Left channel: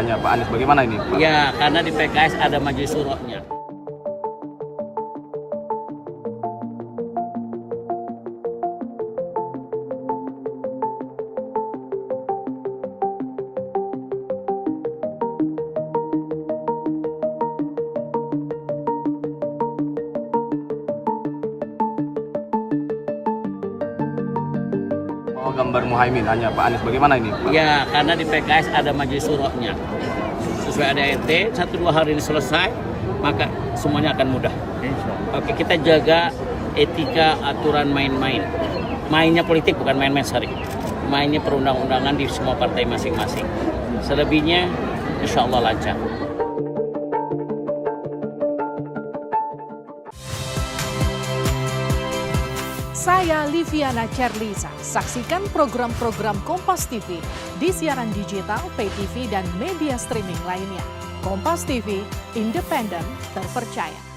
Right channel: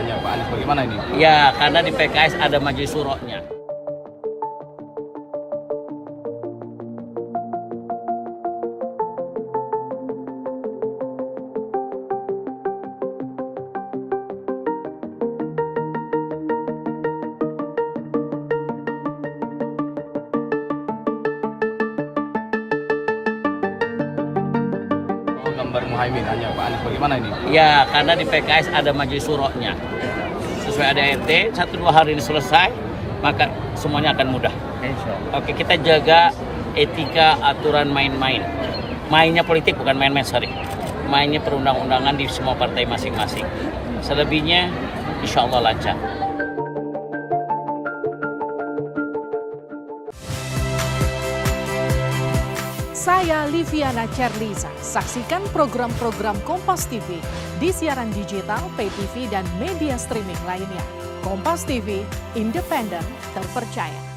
Hanya Pak Anies, bagaimana ini? Ya, karena di PKS ada majelis syuronya. Oh, gambar Muhaimin, hanya Pak Anies, bagaimana ini? Ya, karena di PKS ada majelis syuronya. Sesuai ADART, 1-2 hari ini selesai, maka semuanya akan mudah. Oke, kita jaga etika aturan main-main. Mainnya politik bukan main-main sari. Mainnya perundang-undangan di semua partai masing-masing. Selebihnya, insya Allah lancar. Saya Liviana Cerlisa. Saksikan program-program Kompas TV di siaran digital, pay TV, dan media streaming lainnya. Kompas TV, independen, terpercaya.